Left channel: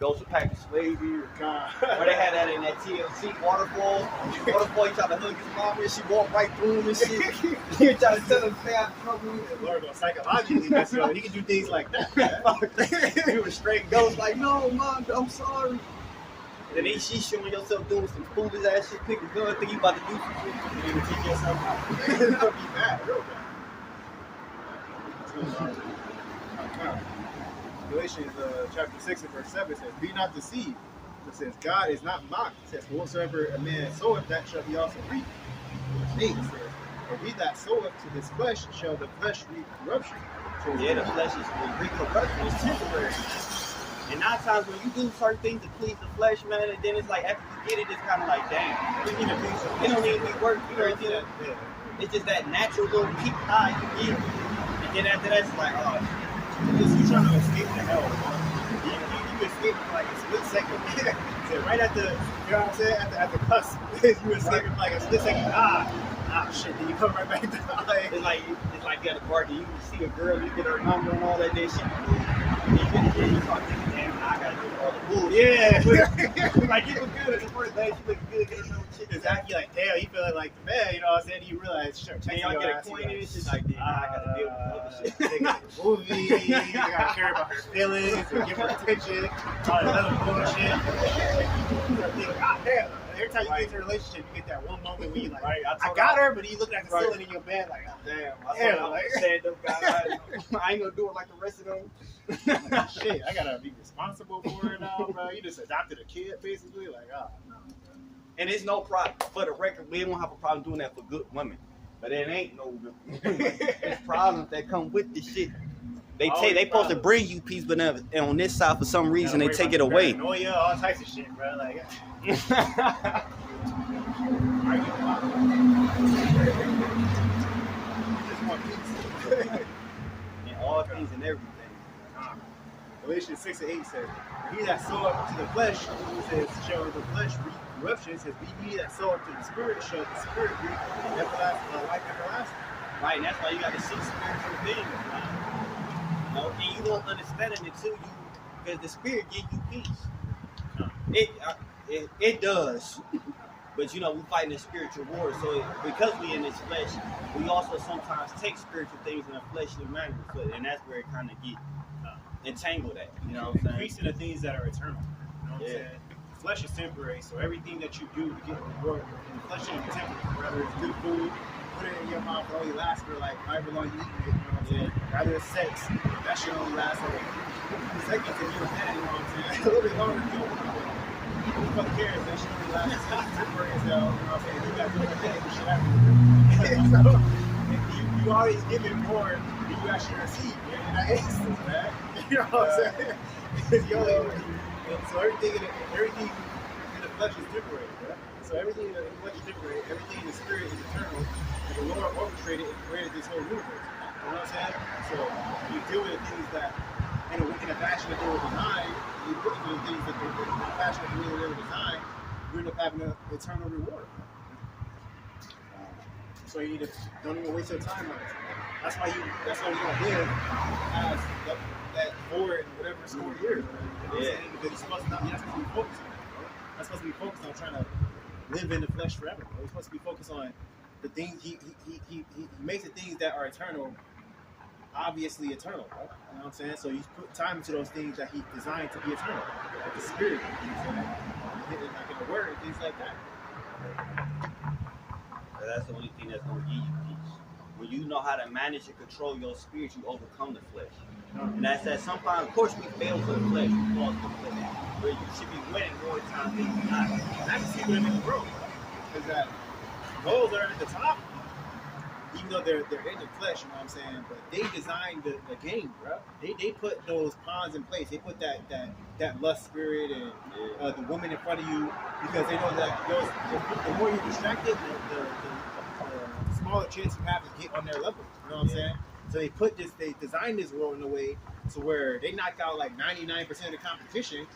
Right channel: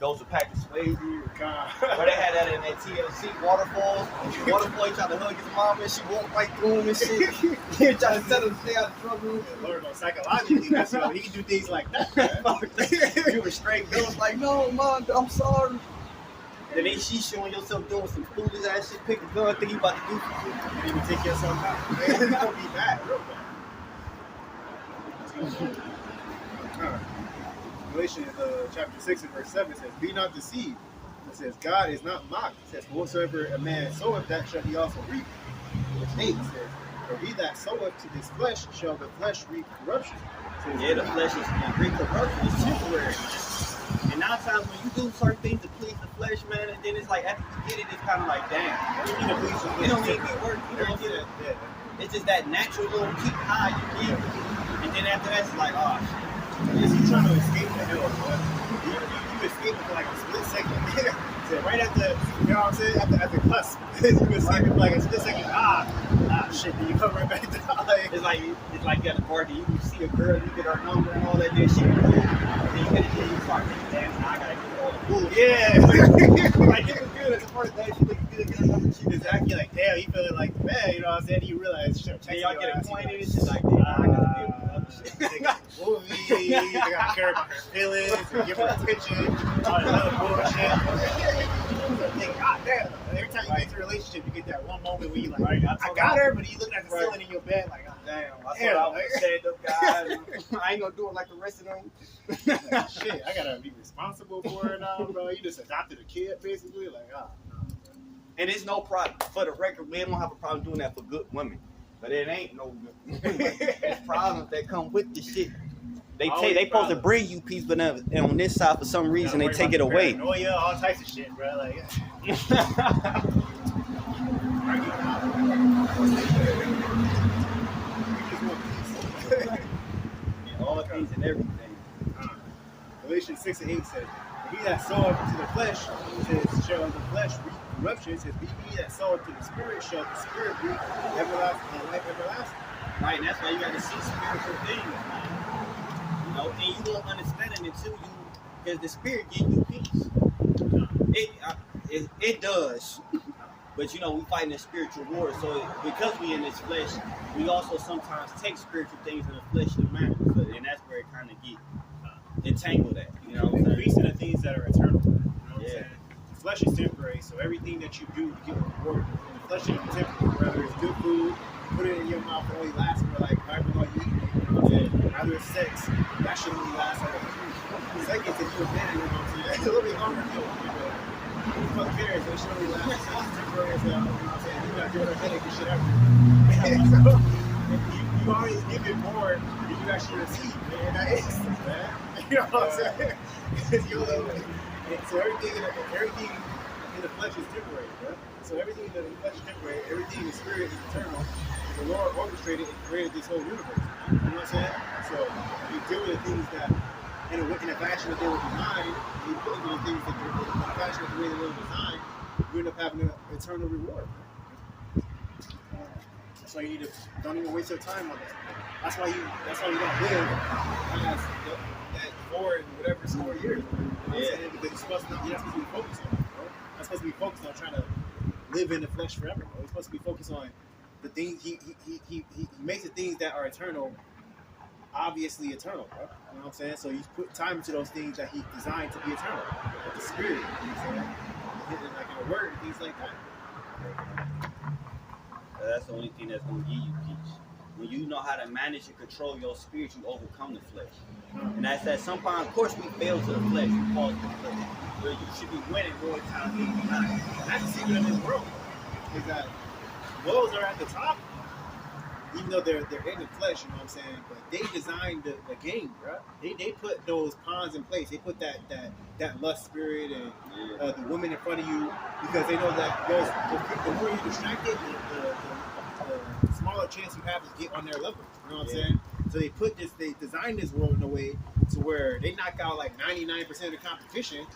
goes to pack the sway or they had that in that TLC waterfall. Waterfall, he tried to hug his mom and she walked right through him and shit. He tried to tell him to stay out of trouble. Yeah, Lord, psychologically, that's, he can do things like that. You were straight ghost like, no, mom, I'm sorry. Then she's showing yourself doing some foolish ass shit, pick a gun, think you about to do some shit. You didn't even take yourself out. It's gonna be bad, real bad. Alright. Galatians chapter 6 and verse 7 says, be not deceived. It says, God is not mocked. It says, whatsoever a man soweth, that shall he also reap. Verse 8 says, for he that soweth to his flesh shall the flesh reap corruption. Yeah, the flesh is reap corruption. It's temporary. And 9 times when you do certain things to please the flesh, man, and then it's like after you get it, it's kind of like, damn. It don't even be work. You know what I'm saying? It's just that natural little kick high you get. And then after that, it's like, oh, you're trying to escape the hell, man. You escape for like a split second. So right at the, you know what I'm saying? At the cusp, you escape for like a split second. Shit, then you come right back down. It's like you at the party, you see a girl, you get her number and all that shit. And you finish it, you start thinking, damn, I gotta get all the bullshit. Yeah. Like, it was good at the first day, she looked good, get her number. She exactly like, damn, you feeling like the man, you know what I'm saying? You realize, sure, and y'all get acquainted, and she's like, damn, I gotta deal with other shit. They got movies, they gotta care about her feelings, and give her attention, all that other bullshit. Think, God damn. Every time you get into a relationship, you get that one moment where you like, right, I got her, but you looking at the ceiling in your bed like, oh, damn, I thought I said up guy. I ain't gonna do it like the rest of them. Like, shit, I gotta be responsible for her now, bro. You just adopted a kid, basically. Like, no. And it's no problem. For the record, we don't have a problem doing that for good women. But it ain't no good. There's problems that come with this shit. They supposed to bring you peace, but on this side, for some reason, they take it away. Paranoia, all types of shit, bro. Like, all things and everything. Galatians 6 and 8 says, he that soweth to the flesh, says, shall the flesh reap corruption. It says, he that soweth to the spirit, shall the spirit reap life everlasting. Right, and that's why you got to see spiritual things. You know, and you don't understand it until you, because the spirit gives you peace. It does. But you know, we fighting a spiritual war, so because we in this flesh, we also sometimes take spiritual things in a fleshly manner, and that's where it kind of get entangled at. You know what I'm saying? Increasing the things that are eternal. You know what I'm saying? The flesh is temporary, so everything that you do to get reward in the flesh is temporary. Whether it's good food, put it in your mouth, it only lasts for like however long you eat it. You know what I'm saying? Rather it's sex, that shit only lasts like seconds if you're a man. You know what I'm saying? A little bit longer too. Who the fuck cares? That shit only lasts. It's temporary as hell. You know what I'm saying? You got to do headache and shit after. So you always give it more than you actually receive, man. In that instance, man. You know what I'm saying? So everything in the flesh is temporary, bro. So everything in the flesh is temporary. Everything in the spirit is eternal. And the Lord orchestrated and created this whole universe. You know what I'm saying? So you deal with the things that in a fashion that they were designed, you put them in things that in a fashion that the way they were designed, you end up having an eternal reward. So you need to don't even waste your time on it. That's why you're gonna live past that 4 and whatever score years. You know what I'm saying? Because you're supposed to be focused on it, bro. You're supposed to be focused on trying to live in the flesh forever, bro. You're supposed to be focused on the things he makes the things that are eternal obviously eternal, bro. You know what I'm saying? So you put time into those things that he designed to be eternal. Like the spirit, you know what I'm saying? Like in the word and things like that. That's the only thing that's going to give you peace. When you know how to manage and control your spirit, you overcome the flesh. And that's that sometimes, of course, we fail to the flesh, we fall to the flesh. Where you should be winning more times than you're not. And I can see what in the world is that those are at the top, even though they're in the flesh, you know what I'm saying? But they designed the game, bro. They put those pawns in place. They put that lust spirit and the woman in front of you, because they know that the more you're distracted, the smaller chance you have to get on their level. You know what I'm saying? So they designed this world in a way to where they knock out like 99% of the competition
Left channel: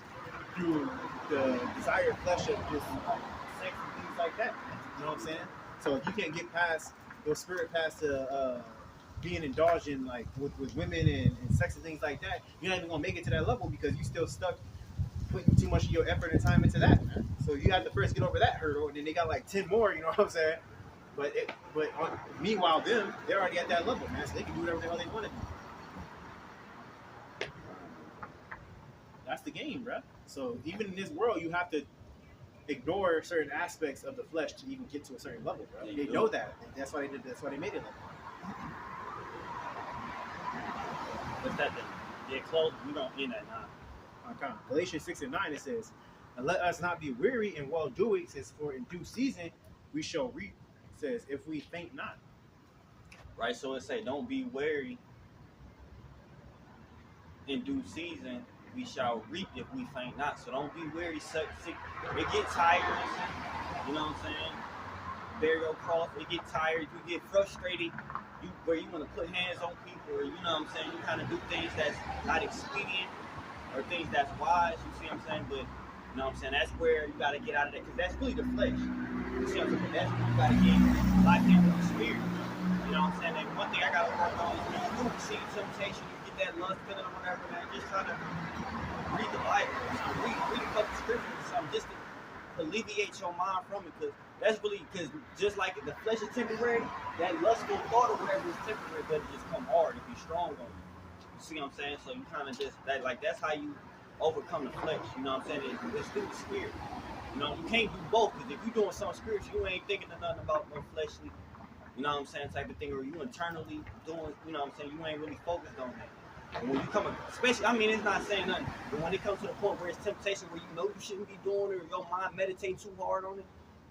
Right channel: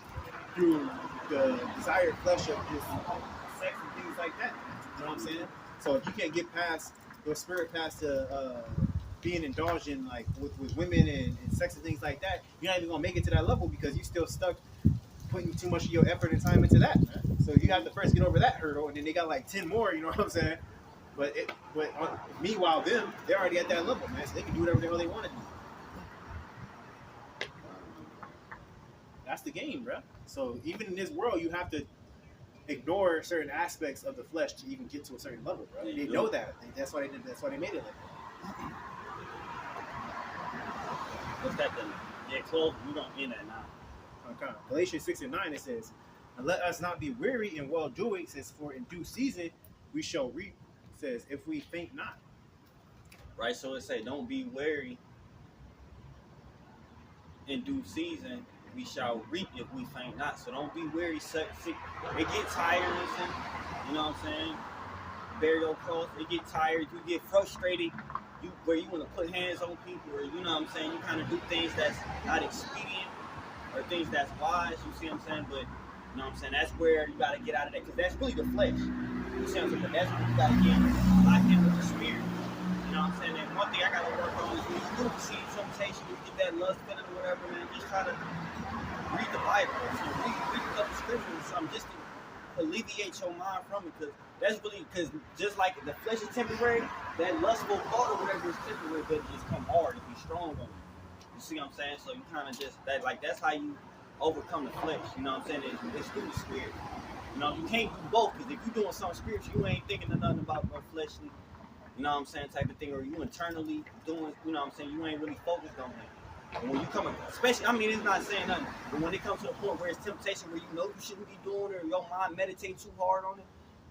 through the desired flesh of just sex and things like that. You know what I'm saying? So if you can't get past your spirit past being indulged in like with women and sex and things like that, you're not even gonna make it to that level because you're still stuck putting too much of your effort and time into that, man. So you have to first get over that hurdle, and then they got like 10 more. You know what I'm saying? Meanwhile, they're already at that level, man. So they can do whatever the hell they want to do. That's the game, bro. So even in this world, you have to ignore certain aspects of the flesh to even get to a certain level, bro. They know that. That's why they did. That's why they made it like that. What's that then? Yeah, close. You don't mean that now. Okay. Galatians 6:9 it says, "And let us not be weary in well doing, since for in due season we shall reap." It says, "If we faint not." Right. So it say, "Don't be weary. In due season we shall reap if we faint not." So don't be weary. It get tired. You know what I'm saying? Bear your cross. It get tired. You get frustrated. Where you want to put hands on people, or you know what I'm saying, you kind of do things that's not expedient or things that's wise, you see what I'm saying? But you know what I'm saying, that's where you got to get out of that, because that's really the flesh. You see what I'm saying? But that's where you got to get locked in with the spirit. You know what I'm saying? And one thing I got to work on is when you do receive temptation, you get that lust feeling or whatever, man, just try to read the Bible or something, read a couple scriptures or something, just to alleviate your mind from it, because that's really, because just like the flesh is temporary, that lustful thought or whatever is temporary, but it just come hard and be strong on you. You see what I'm saying? So you kind of just, that's how you overcome the flesh, you know what I'm saying? It's through the spirit. You know, you can't do both, because if you're doing something spiritual, you ain't thinking of nothing about no fleshly, you know what I'm saying, type of thing, or you internally doing, you know what I'm saying, you ain't really focused on that. And when you come, especially, I mean, it's not saying nothing, but when it comes to a point where it's temptation, where you know you shouldn't be doing it, or your mind meditate too hard on it,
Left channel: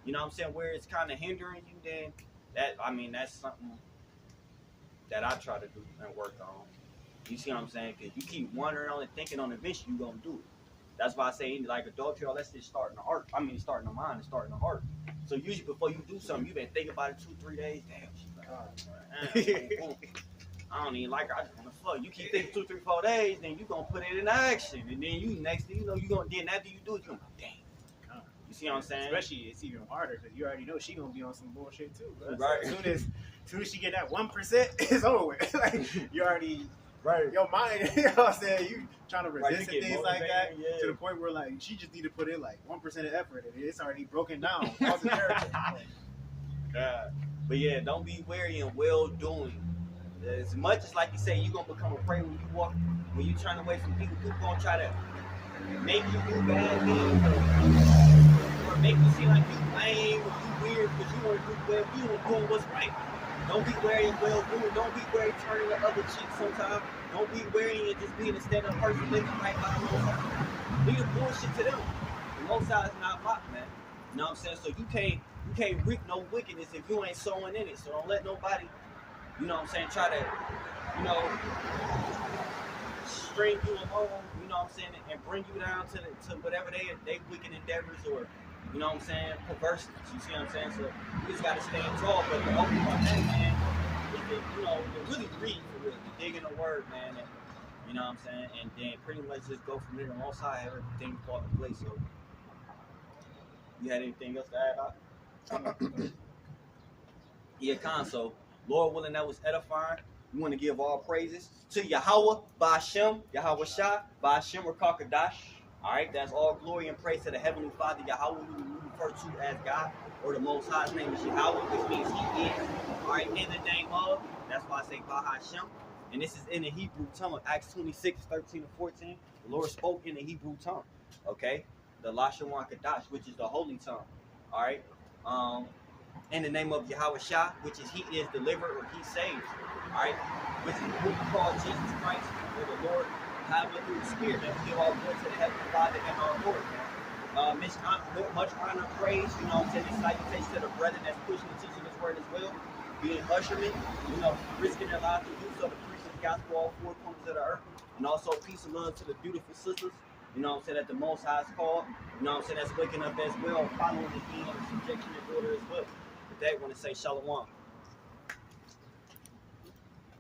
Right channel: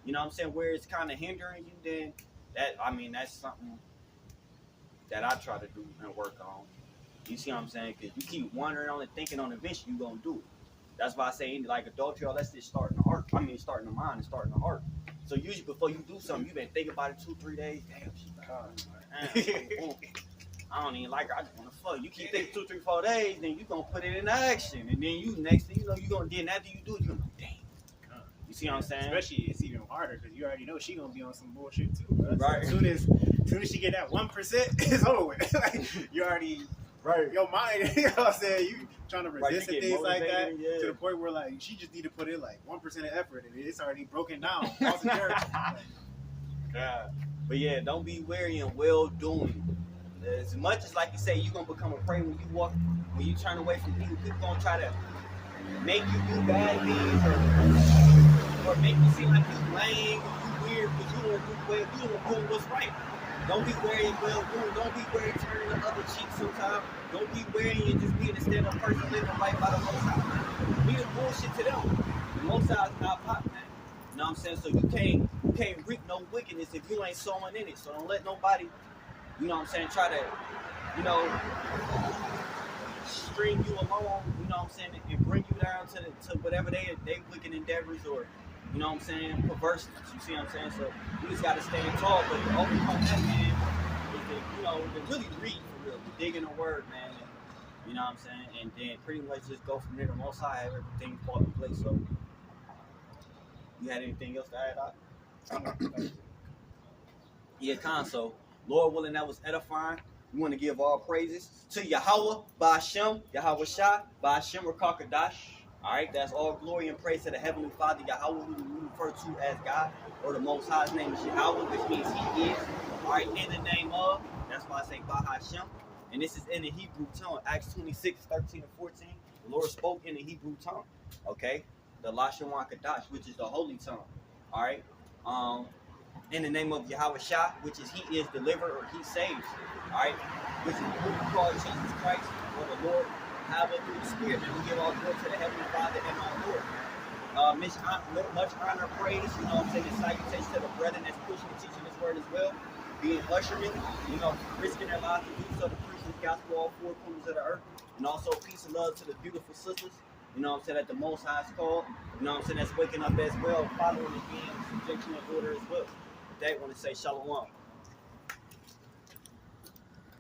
you know what I'm saying, where it's kind of hindering you, then that's something that I try to do and work on. You see what I'm saying? Because you keep wondering on it, thinking on it, eventually you're going to do it. That's why I say, like adultery, let's just start in the heart. I mean, start in the mind and start in the heart. So usually before you do something, you've been thinking about it 2-3 days. Damn, she's like, I don't even like her. I just want to fuck. You keep thinking 2, 3, 4 days, then you going to put it in action. And then you, next thing you know, then after you do it, you're going to be, damn. You see what I'm saying? Especially, it's even harder because you already know she gonna be on some bullshit too. Bro. Right. So as soon as she get that 1%, it's over with. Like you already, right. Your mind, you know what I'm saying? You trying to resist right, things like that to the point where like she just need to put in like 1% of effort, and it's already broken down. All the character. Yeah. But yeah, don't be weary in well doing. As much as like you say, you're gonna become a prey when you walk, when you turn away from people. People gonna try to make you do bad things, or make you seem like you lame or you weird because you don't do well. You don't doing what's right. Don't be weary and well doing. Don't be weary turning the other cheek sometimes. Don't be weary and just being a stand-up person living right by the Most High. Be the bullshit to them. The Most High is not mocked, man. You know what I'm saying? So you can't reap no wickedness if you ain't sowing in it. So don't let nobody, you know what I'm saying, try to, you know, string you along, you know what I'm saying, and bring you down to whatever they wicked endeavors, or you know what I'm saying, perverse. You see what I'm saying? So you just gotta stand tall, but to overcome that, man, is to, you know, to really read for real, dig in the word, man, and you know what I'm saying, and then pretty much just go from there. The Most High, everything fall in place. So you had anything else to add, Doc? Yeah, so Lord willing, that was edifying. We want to give all praises to Yahweh, Ba'ashem, Yahweh Shai, Ba'ashem Rakakadash. All right, that's all glory and praise to the Heavenly Father, Yahweh, who we refer to as God, or the Most High's name is Yahweh, which means He is. All right, in the name of, that's why I say Ba'ashem. And this is in the Hebrew tongue, Acts 26, 13 and 14. The Lord spoke in the Hebrew tongue, okay? The Lashawan Kadash, which is the holy tongue, all right? In the name of Yahweh Shai, which is He is delivered or He saves, all right? Which is who we call Jesus Christ, or the Lord, Hallelujah, through the Spirit, man. We give all glory to the Heavenly Father and our Lord, man. Much honor, praise, you know what I'm saying, and salutations to the brethren that's pushing and teaching His word as well, being ushermen, you know, risking their lives to do so, to preach His gospel all 4 corners of the earth, and also peace and love to the beautiful sisters, you know what I'm saying, that the Most High is called, you know what I'm saying, that's waking up as well, following and being in subjection and order as well. With that, I want to say shalom.